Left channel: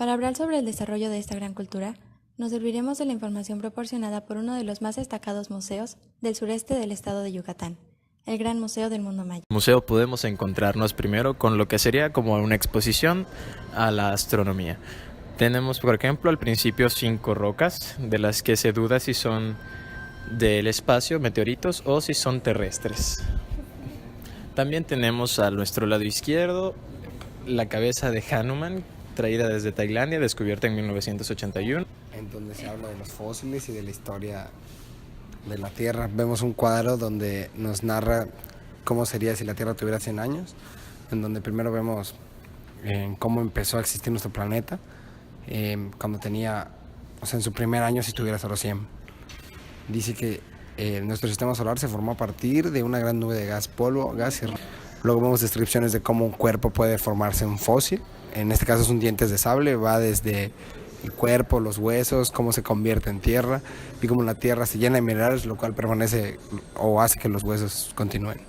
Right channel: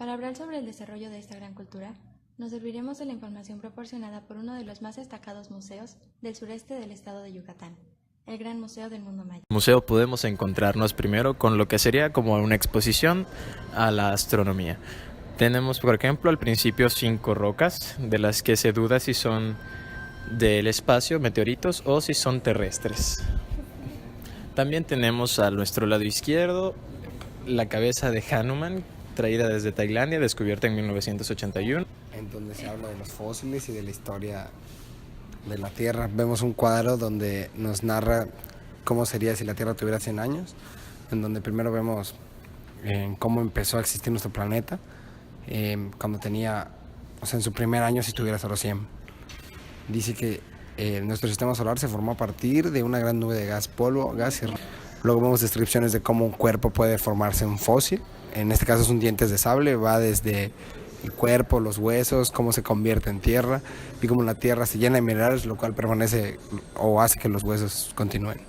Para hablar sobre el desarrollo de esta gran cultura, nos serviremos de la información proporcionada por uno de los más destacados museos del sureste del estado de Yucatán, el Gran Museo del Mundo Maya. En el museo podemos encontrarnos primero con lo que sería como una exposición a la astronomía. Tenemos, por ejemplo, al principio 5 rocas, de las que se duda si son del espacio, meteoritos, o si son terrestres. También tenemos a nuestro lado izquierdo la cabeza de Hanuman, traída desde Tailandia, descubierta en 1981. En donde se habla de los fósiles y de la historia de la Tierra. Vemos un cuadro donde nos narra cómo sería si la Tierra tuviera 100 años, en donde primero vemos cómo empezó a existir nuestro planeta, cuando tenía, o sea, en su primer año si tuviera solo 100. Dice que nuestro sistema solar se formó a partir de una gran nube de gas, polvo, gas y... Luego vemos descripciones de cómo un cuerpo puede formarse un fósil. En este caso son dientes de sable, va desde el cuerpo, los huesos, cómo se convierte en tierra y cómo la tierra se llena de minerales, lo cual permanece o hace que los huesos continúen.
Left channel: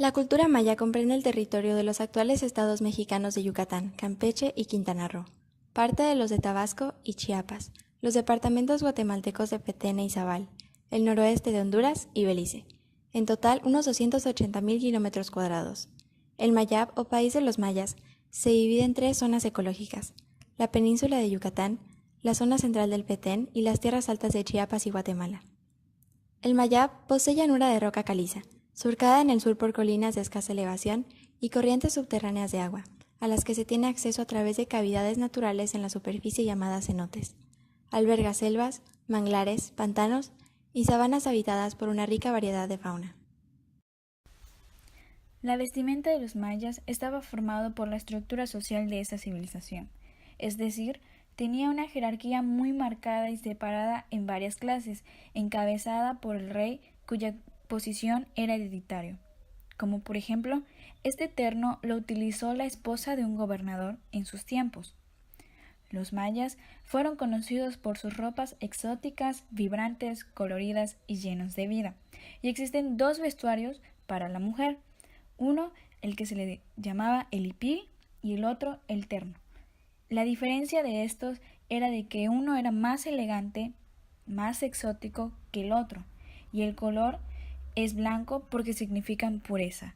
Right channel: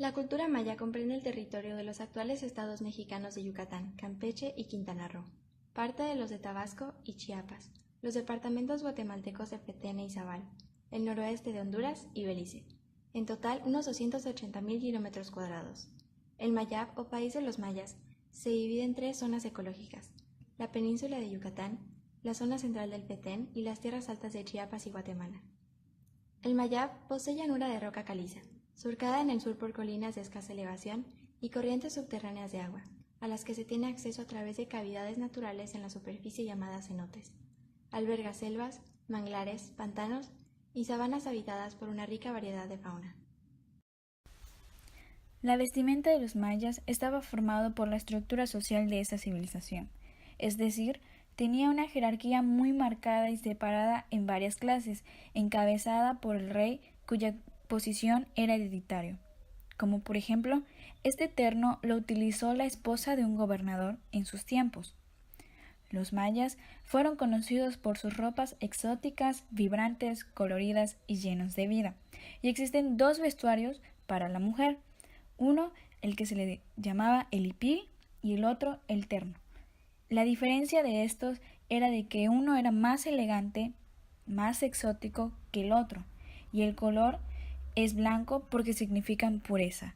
La cultura maya comprende el territorio de los actuales estados mexicanos de Yucatán, Campeche y Quintana Roo, parte de los de Tabasco y Chiapas, los departamentos guatemaltecos de Petén e Izabal, el noroeste de Honduras y Belice, en total unos 280.000 kilómetros cuadrados. El Mayab, o país de los mayas, se divide en 3 zonas ecológicas: la península de Yucatán, la zona central del Petén y las tierras altas de Chiapas y Guatemala. El Mayab posee llanura de roca caliza, surcada en el sur por colinas de escasa elevación y corrientes subterráneas de agua, a las que se tiene acceso a través de cavidades naturales en la superficie llamadas cenotes. Alberga selvas, manglares, pantanos y sabanas habitadas por una rica variedad de fauna. La vestimenta de los mayas estaba formado por la estructura social de esta civilización, es decir, tenía una jerarquía muy marcada y separada en varias clases, encabezada por el rey, cuya posición era hereditario. Como por ejemplo, este terno lo utilizó la esposa de un gobernador en sus tiempos. Los mayas fueron conocidos por sus ropas exóticas, vibrantes, coloridas y llenos de vida. Y existen 2 vestuarios para la mujer. Uno, el que se le llamaba el hipil, y el otro, el terno. La diferencia de estos era de que uno era más elegante, más exótico que el otro, y el color es blanco porque significan pureza.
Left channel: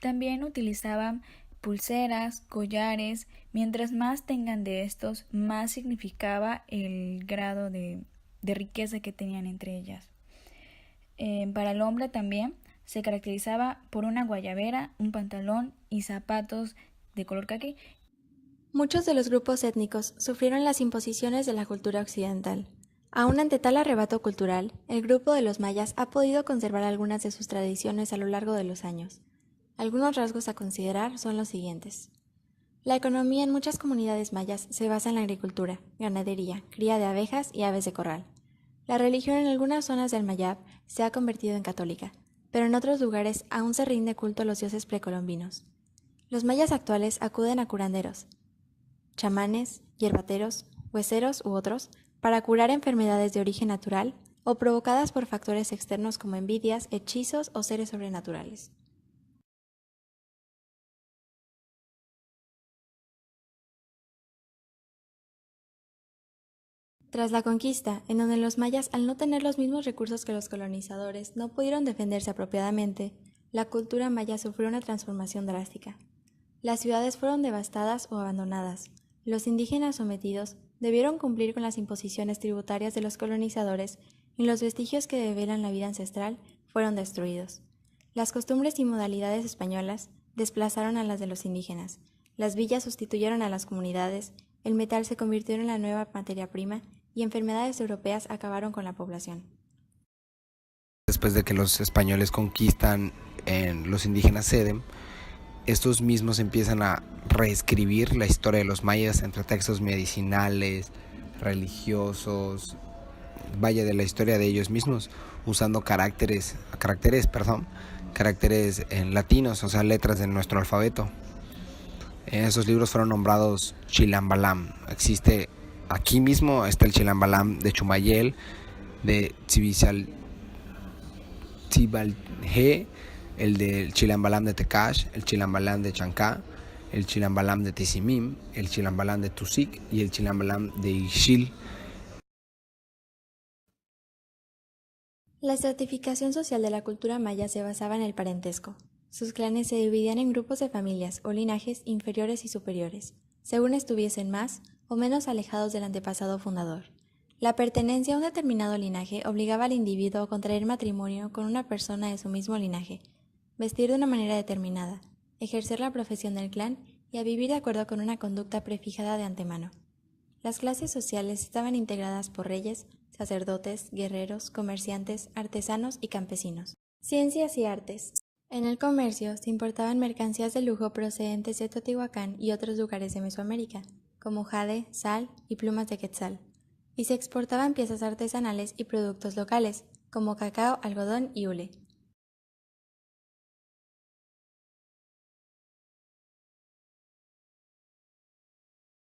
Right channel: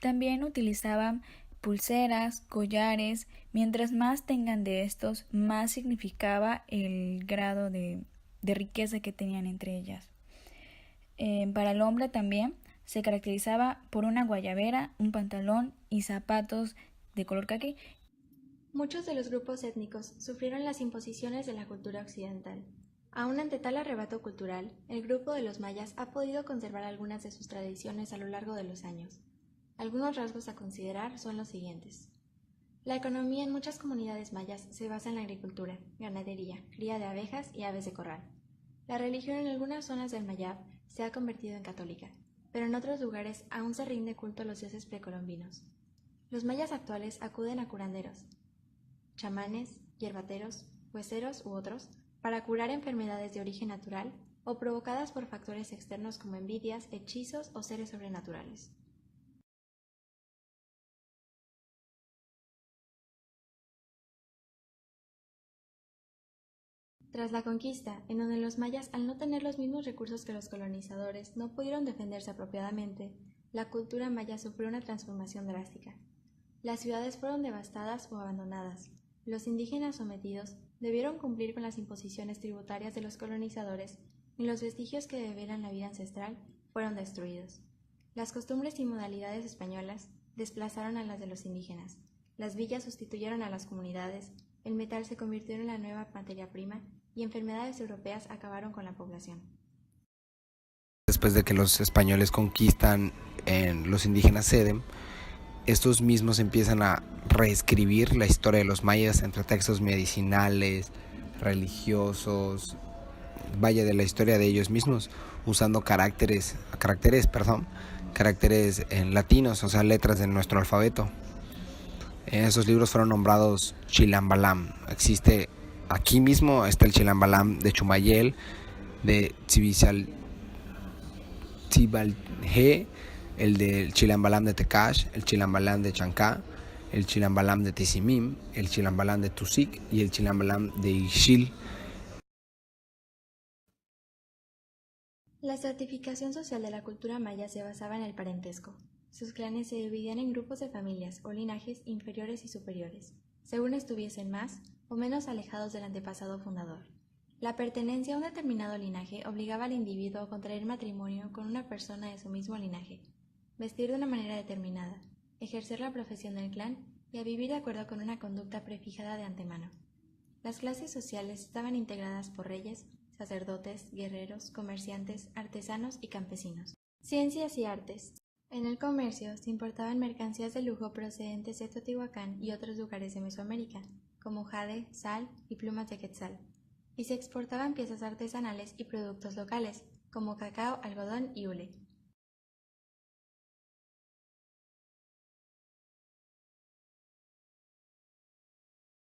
También utilizaban pulseras, collares, mientras más tengan de estos, más significaba el grado de riqueza que tenían entre ellas. Para el hombre también se caracterizaba por una guayabera, un pantalón y zapatos de color caqui. Muchos de los grupos étnicos sufrieron las imposiciones de la cultura occidental. Aún ante tal arrebato cultural, el grupo de los mayas ha podido conservar algunas de sus tradiciones a lo largo de los años. Algunos rasgos a considerar son los siguientes. La economía en muchas comunidades mayas se basa en la agricultura, ganadería, cría de abejas y aves de corral. La religión en algunas zonas del Mayab se ha convertido en católica, pero en otros lugares aún se rinde culto a los dioses precolombinos. Los mayas actuales acuden a curanderos, chamanes, hierbateros, hueseros u otros, para curar enfermedades de origen natural o provocadas por factores externos como envidias, hechizos o seres sobrenaturales. Tras la conquista, en donde los mayas, al no tener los mismos recursos que los colonizadores, no pudieron defenderse apropiadamente, la cultura maya sufrió una transformación drástica. Las ciudades fueron devastadas o abandonadas. Los indígenas sometidos debieron cumplir con las imposiciones tributarias de los colonizadores y los vestigios que develan la vida ancestral fueron destruidos. Las costumbres y modalidades españolas desplazaron a las de los indígenas. Las villas sustituyeron a las comunidades, el metal se convirtió en la nueva materia prima y enfermedades europeas acabaron con la población. Después de que los españoles conquistan, los indígenas ceden, estos mismos empiezan a reescribir la historia de los mayas entre textos medicinales, religiosos, vaya, de la historia de ellos mismos, usando caracteres en latinos, o sea, letras de nuestro alfabeto. Esos libros fueron nombrados Chilambalam. Aquí mismo está el Chilambalam de Chumayel, de Xibalgé, el del Chilambalam de Tecash, el Chilambalam de Chancá, el Chilambalam de Tizimim, el Chilambalam de Tusic y el Chilambalam de Ixil. La estratificación social de la cultura maya se basaba en el parentesco. Sus clanes se dividían en grupos de familias o linajes inferiores y superiores, según estuviesen más o menos alejados del antepasado fundador. La pertenencia a un determinado linaje obligaba al individuo a contraer matrimonio con una persona de su mismo linaje, vestir de una manera determinada, ejercer la profesión del clan y a vivir de acuerdo con una conducta prefijada de antemano. Las clases sociales estaban integradas por reyes, sacerdotes, guerreros, comerciantes, artesanos y campesinos. Ciencias y artes. En el comercio se importaban mercancías de lujo procedentes de Teotihuacán y otros lugares de Mesoamérica, como jade, sal y plumas de quetzal, y se exportaban piezas artesanales y productos locales, como cacao, algodón y hule.